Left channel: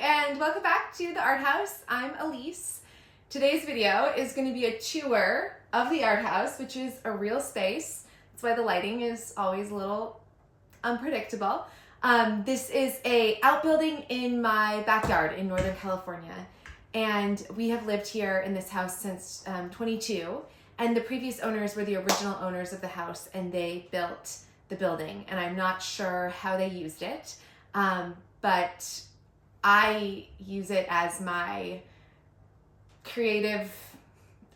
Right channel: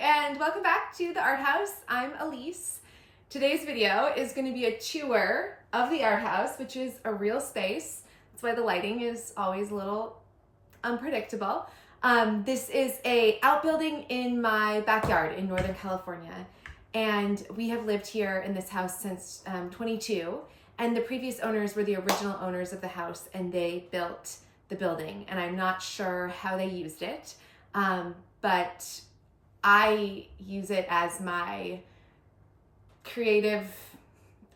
and welcome back to the Art House. I'm Elise. Today's video is going to be a tour of the Art House, which is a real space. That's why the lighting is always a little unpredictable. This is a outbuilding in my backyard in Northern California, and we have lived here in this house since 22, and the previous owners were the original owners of the house, and they built the building, and I'm not sure how they used it, but I use it as my creative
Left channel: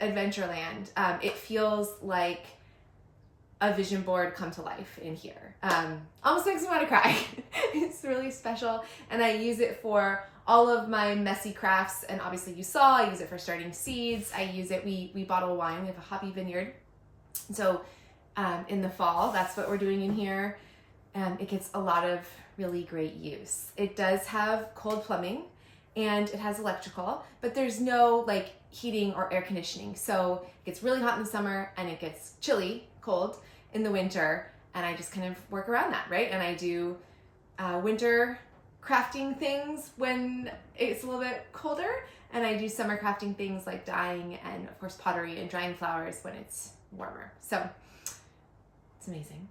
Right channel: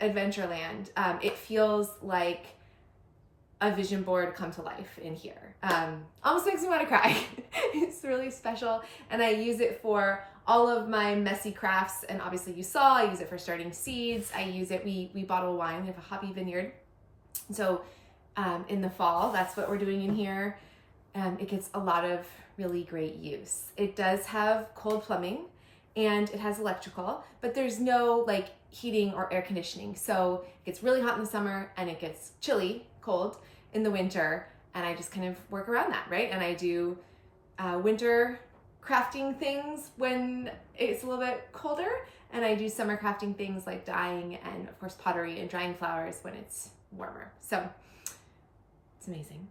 adventureland. It feels like a vision board come to life in here. Almost makes me want to cry. It's really special, and I use it for all of my messy crafts, and obviously you saw, I use it for starting seeds. I use it, we bottle wine, we have a hobby vineyard. So in the fall, that's what we're doing in here. It gets a lot of really great use. It does have cold plumbing and it has electrical, but there's no like heating or air conditioning. So it gets really hot in the summer and it gets chilly, cold in the winter. And I just kind of work around that, right? And I do winter crafting things when it's a little bit colder. And I do summer crafting things like dyeing and of course pottery and drying flowers when it's warmer. So it's amazing.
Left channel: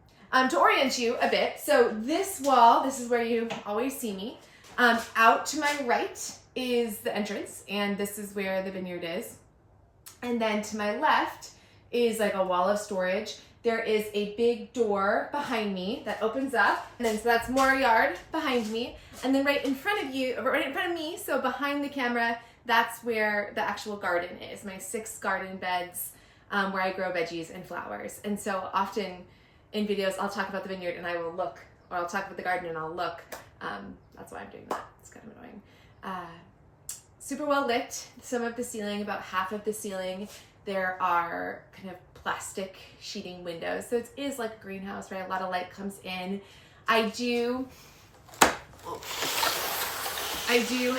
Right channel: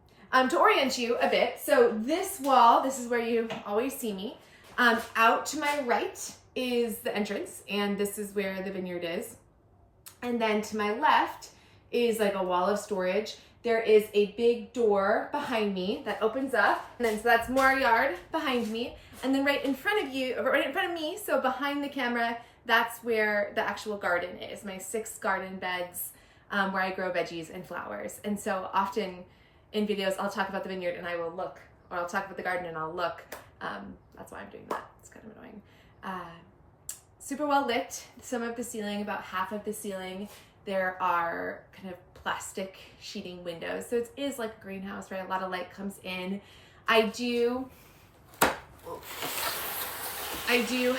To orient you a bit, so this wall, this is where you always see me. Out to my right is the entrance, and this is where the vineyard is. And then to my left is like a wall of storage. There is a big door behind me that opens up, and then so that's more yard behind me. And then right in front of me, so behind the camera, that's where the actual garden is, my 6 garden beds where I grow veggies and flowers. And so often in videos, I'll talk about the vineyard and I will look, or I'll talk about the garden and I'll look. That's why I'm doing that. It's kind of annoying. Super well lit. Some of the ceiling, about half of the ceiling, there are kind of plastic sheeting windows. So it is like a greenhouse, right? A lot of light comes in. I do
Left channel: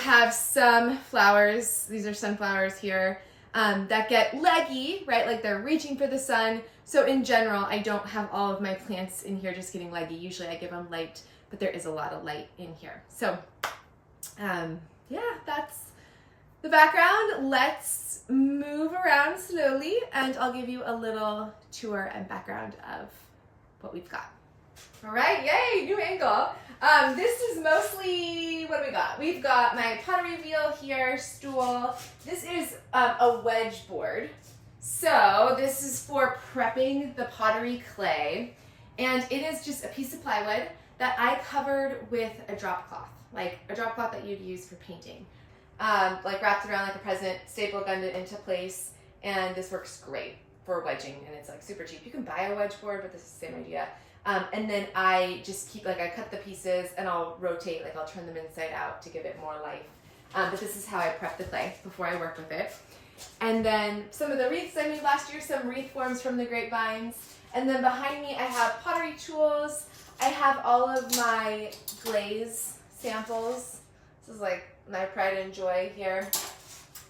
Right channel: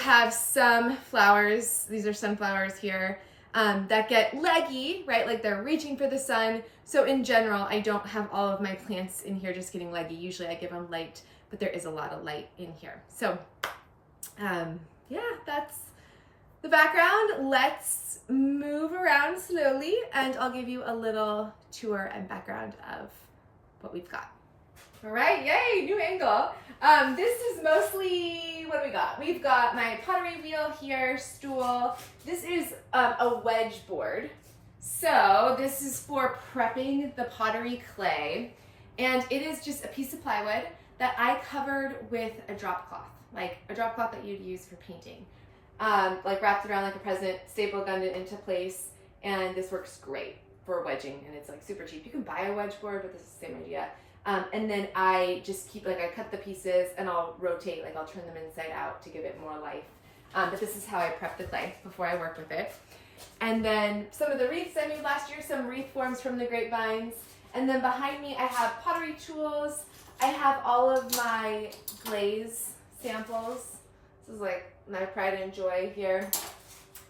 have some flowers. These are sunflowers here. That get leggy, right? Like they're reaching for the sun. So in general, I don't have all of my plants in here just getting leggy. Usually I give them light, but there is a lot of light in here. So yeah, that's the background. Let's move around slowly and I'll give you a little tour and background of what we've got. All right, yay, new angle. This is mostly, what do we got? We've got my pottery wheel here, stool. This is a wedge board. So this is for prepping the pottery clay. And it is just a piece of plywood that I covered with a drop cloth, like a drop cloth that you'd use for painting. Like wrapped around like a present, staple gunned it into place. And this works great for wedging, and it's like super cheap. You can buy a wedge board, but this is the same idea. And then I just keep, like I cut the pieces and I'll rotate, like I'll turn them inside out to give it more life. But this is how I prep the clay before I work with it. And then some of the wreaths I made last year, some wreath forms from the grapevines. And then behind me I have pottery tools. I have all of my glaze samples. This is like my pride and joy here.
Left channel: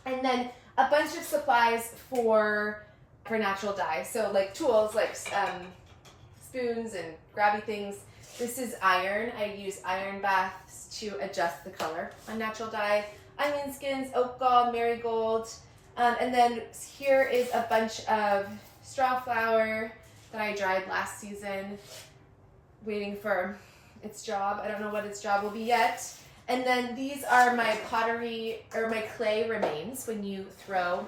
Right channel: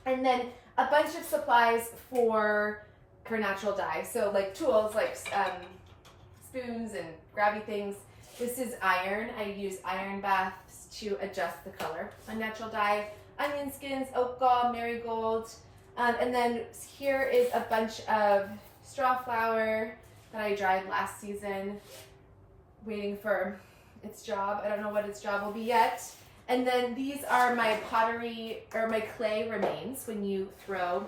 And then a bunch of supplies for natural dye. So like tools, like spoons and grabby things. This is iron. I use iron baths to adjust the color on natural dye. Onion skins, oak gall, marigold. And then here is a bunch of straw flower that I dried last season, waiting for its job. I don't know what its job will be yet. And then these are my pottery, or my clay remains. When you throw,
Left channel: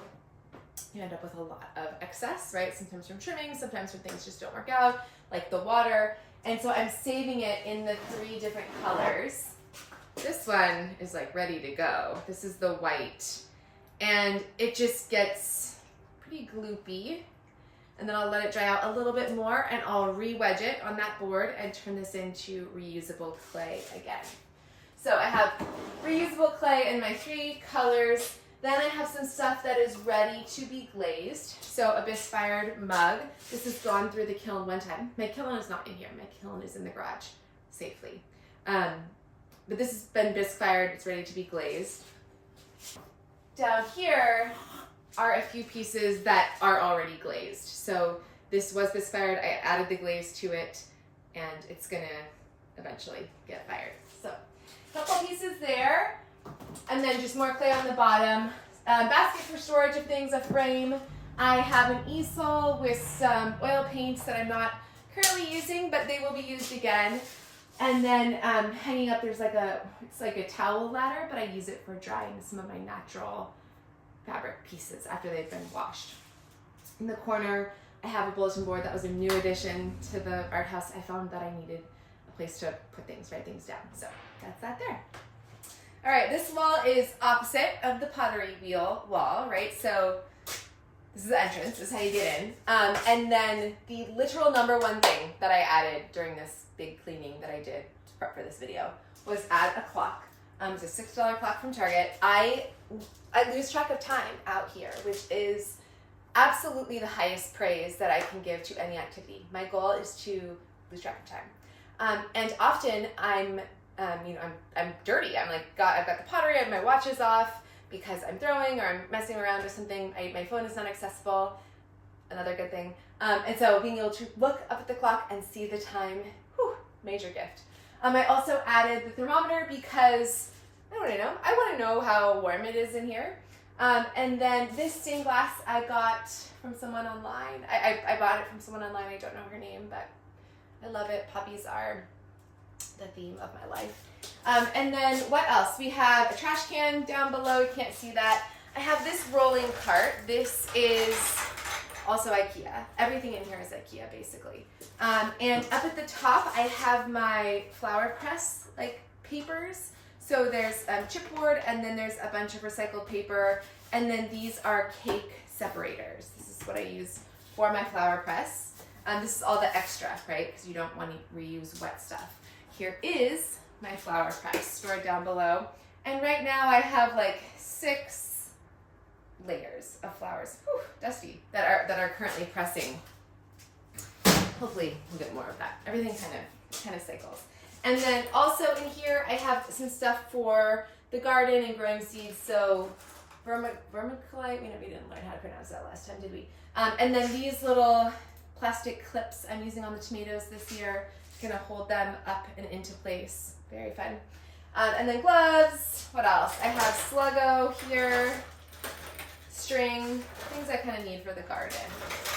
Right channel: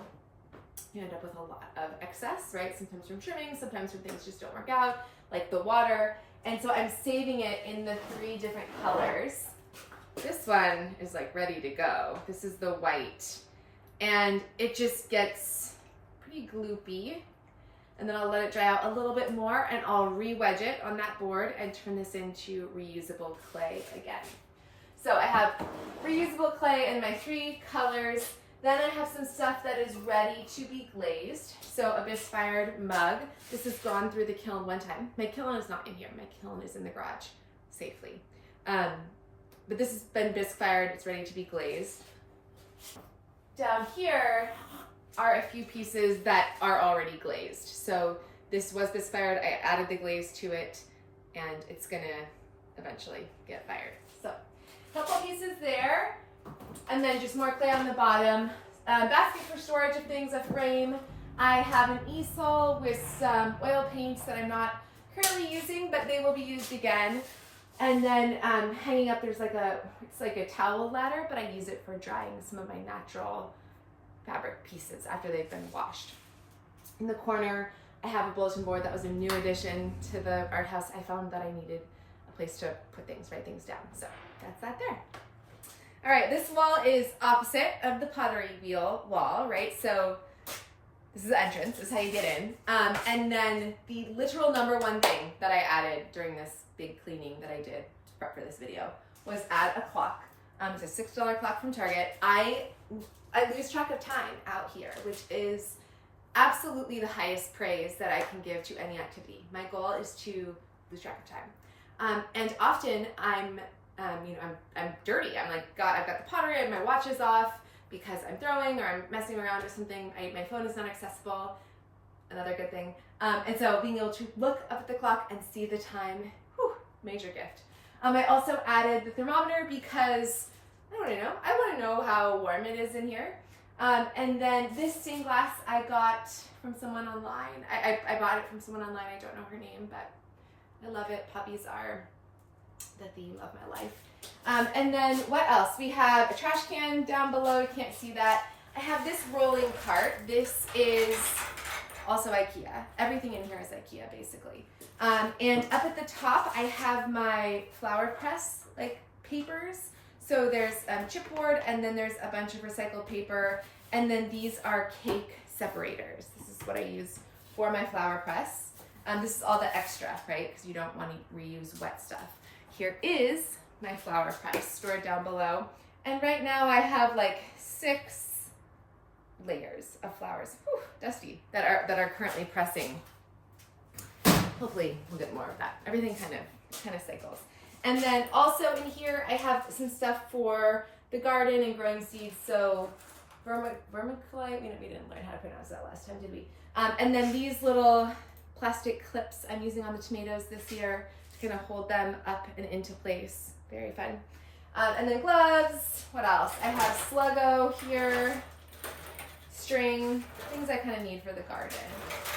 you end up with a lot of excess, right? Sometimes from trimming, sometimes from things just don't work out, like the water. And so I'm saving it in the 3 different colors. This one is like ready to go. This is the white. And it just gets pretty gloopy. And then I'll let it dry out a little bit more and I'll re-wedge it on that board and turn this into reusable clay again. So I have reusable clay in my 3 colors. Then I have some stuff that is ready to be glazed. So a bisque-fired mug. This has gone through the kiln one time. My kiln is not in here. My kiln is in the garage safely. But this has been bisque-fired. It's ready to be glazed. Down here are a few pieces that are already glazed. So this was bisque-fired. I added the glaze to it, and it's gonna eventually get fired. So a couple pieces there. And then just more clay on the bottom. Basket for storage of things, a frame. I have an easel with some oil paints that I'm not currently using, but they will be used again. And then hanging up, there's it's like a towel ladder, but I use it for drying some of my natural fabric pieces after they've been washed. In the corner, I have a bulletin board that was a new addition to the art house. I found that I needed a place to put things, write things down. So that's that there. All right, this wall is opposite of the pottery wheel wall, right? So this is the entrance, this is how you get in. And then the literal number one thing that I added during this big cleaning that I did to prep for this video was add a clock. It's a $6 clock from Target. I lose track of time out here, which is absolutely the highest praise that I can give to any activity. My goal is to lose track of time. And often I'm dirty. I've got the pottery, I have my watches off because I'm throwing or I'm messing around with something. My phone is not accessible, another good thing. And so being able to look up at the clock and see the time, whew, major gift. I also added the thermometer because I want to know how warm it is in here. And then this stained glass I got from someone online. I bought it from someone online. I don't know her name, but I love it. Puppies are the theme of my life. And then what else? We have a trash can down below. You can't see that. I have this rolling cart. This is also IKEA. Everything in here is IKEA, basically. And up at the top, I have my flower press papers. So there's chipboard, and then there's a bunch of recycled paper, and then these are cake separators. This is what I use for my flower press. This is all the extra, right? Because you don't want to reuse wet stuff. Here is my flower press stored down below. And right now I have 6 layers of flowers, whew, dusty, that are currently pressing. Hopefully we'll get more of that. Everything kind of cycles. And then also in here I have some stuff for the garden and growing seeds. So vermiculite, we didn't learn how to pronounce that last time, did we? And then these little plastic clips I'm using on the tomatoes this year to kind of hold them up and into place. Very fun. And then gloves. What else? I have Sluggo here, string, things I kind of need for the garden.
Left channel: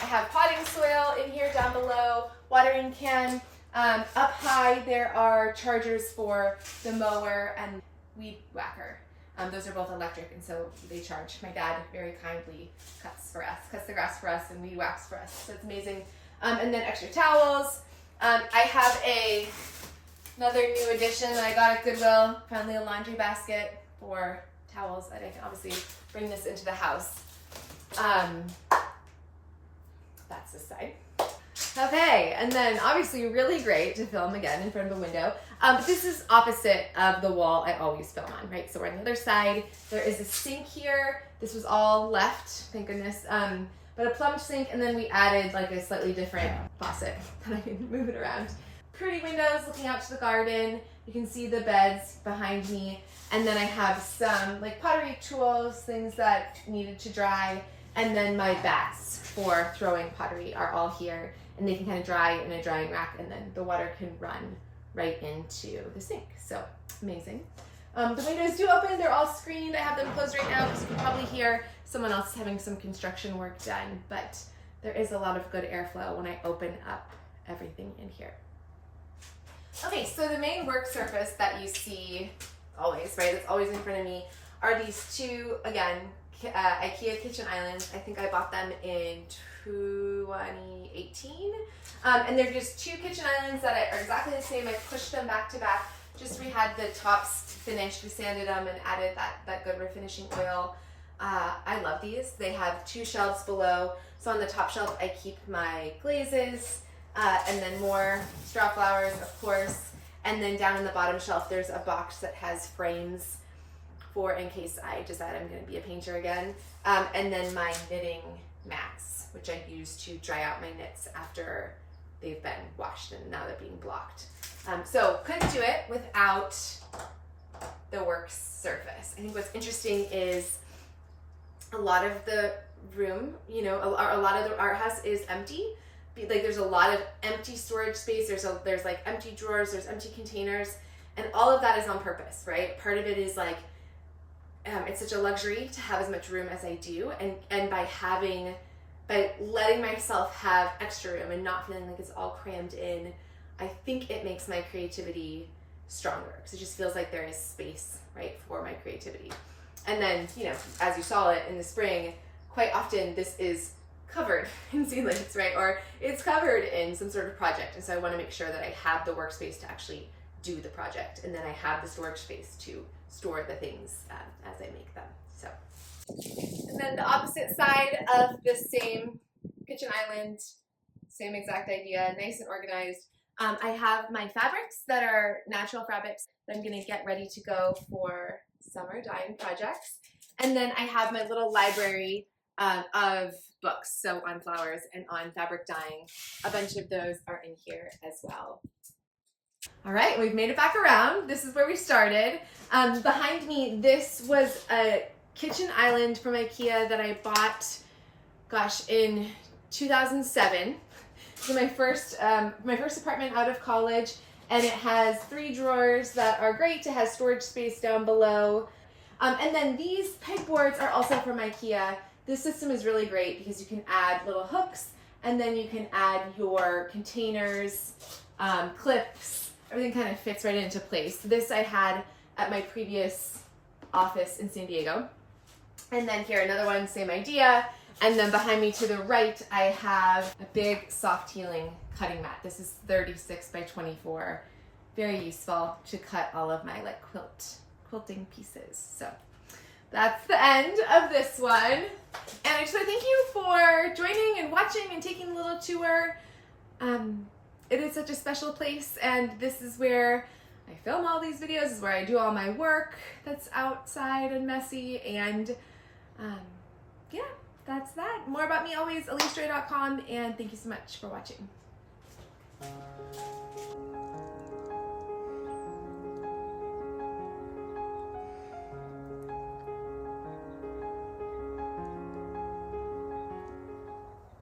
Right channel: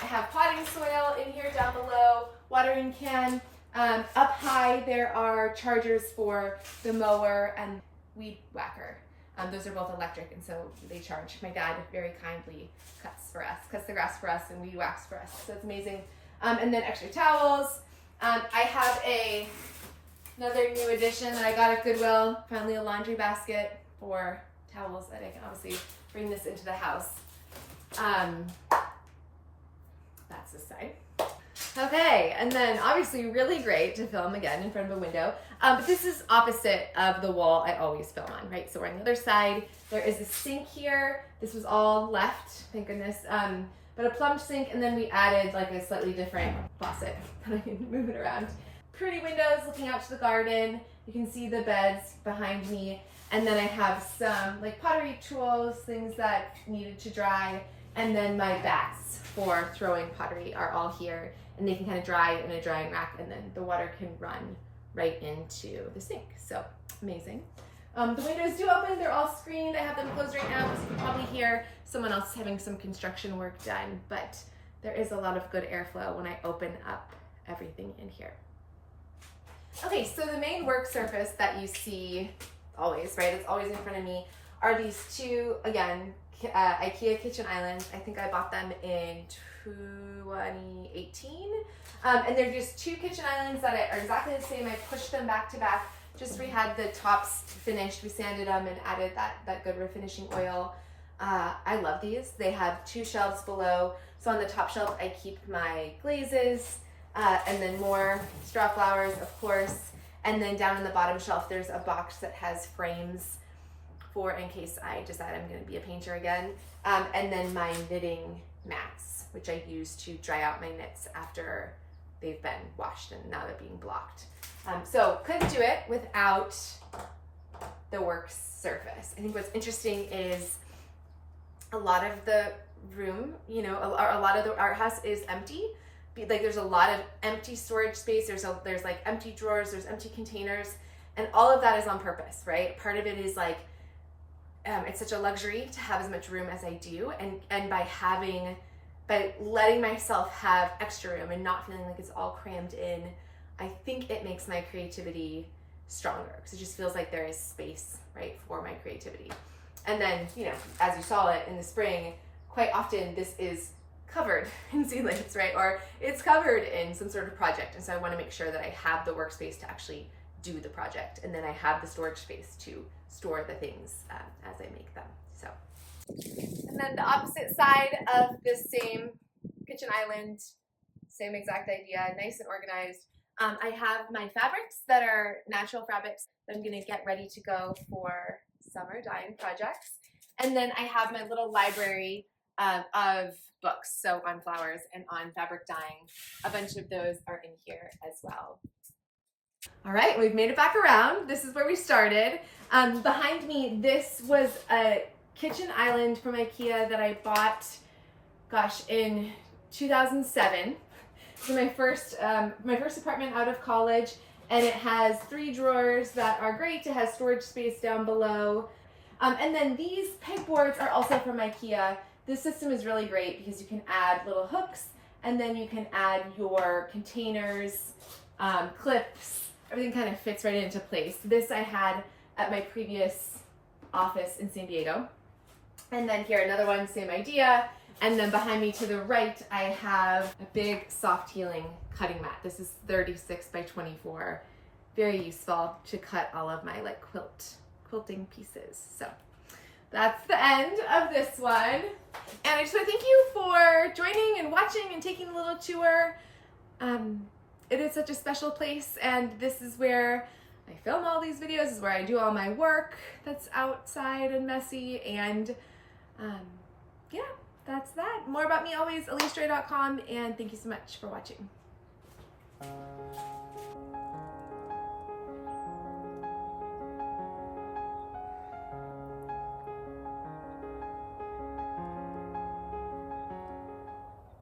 I have potting soil in here down below, watering can. Up high there are chargers for the mower and weed whacker. Those are both electric, and so they charge. My dad very kindly cuts the grass for us and weed whacks for us, so it's amazing. And then extra towels. I have another new addition that I got at Goodwill, finally a laundry basket for towels that I can obviously bring this into the house. That's this side. Okay, and then obviously really great to film again in front of a window. But this is opposite of the wall I always film on, right? So we're on the other side. There is a sink here. This was all left, thank goodness. But a plumbed sink, and then we added a slightly different faucet that I can move it around. Pretty windows looking out to the garden. You can see the beds behind me. And then I have some pottery tools, things that needed to dry. And then my bats for throwing pottery are all here. And they can kind of dry in a drying rack, and then the water can run right into the sink. So amazing. The windows do open, they're all screened. I have them closed right now because you can probably hear someone else having some construction work done, but there is a lot of good airflow when I open up everything in here. Okay, so the main work surface that you see always, right, that's always in front of me, are these two, again, IKEA kitchen islands. I think I bought them in 2018. And they're just 2 kitchen islands that are exactly the same. I pushed them back to back. Just we had the tops finished. We sanded them and added that good refinishing oil. I love these. They have 2 shelves below. So on the top shelf, I keep my glazes, and then more straw flowers, of course. And then down in the bottom shelf, there's a box that has frames for in case I decide I'm going to be a painter again. And then my knitting mats, which I use to dry out my knits after they've been washed and now they're being blocked. So couldn't do it without the work surface. I think what's interesting is a lot of the room, a lot of the art house is empty. There's a lot of empty storage space. There's empty drawers, there's empty containers, and all of that is on purpose, right? Part of it is it's such a luxury to have as much room as I do, and by letting myself have extra room and not feeling like it's all crammed in, I think it makes my creativity stronger, because it just feels like there is space, right, for my creativity. And then, you know, as you saw it in the spring, quite often this is covered in seedlings, right? Or it's covered in some sort of project. And so I want to make sure that I have the workspace to actually do the project. And then I have the storage space to store the things as I make them. So, and then the opposite side of this same kitchen island, same exact idea, nice and organized. I have my fabrics that are natural fabrics that I'm going to get ready to go for summer dyeing projects. And then I have my little library of books, so on flowers and on fabric dyeing. A bunch of those are in here as well. All right, we've made it back around. This is where we started. Behind me, this was a kitchen island from IKEA that I bought, gosh, in 2007. So my first apartment out of college, and it has 3 drawers that are great. It has storage space down below. And then these pegboards are also from IKEA. This system is really great because you can add little hooks, and then you can add your containers, clips, everything kind of fits right into place. This I had at my previous office in San Diego. And then here, another one, same idea. And then behind me to the right, I have a big soft healing cutting mat. This is 36 by 24. Very useful to cut all of my like quilting pieces. So that's the end of this one. And I just want to thank you for joining and watching and taking a little tour. It is such a special place, and this is where I film all these videos. This is where I do all my work that's outside and messy. And yeah, that's that. More about me always, EliseJoy.com, and thank you so much for watching.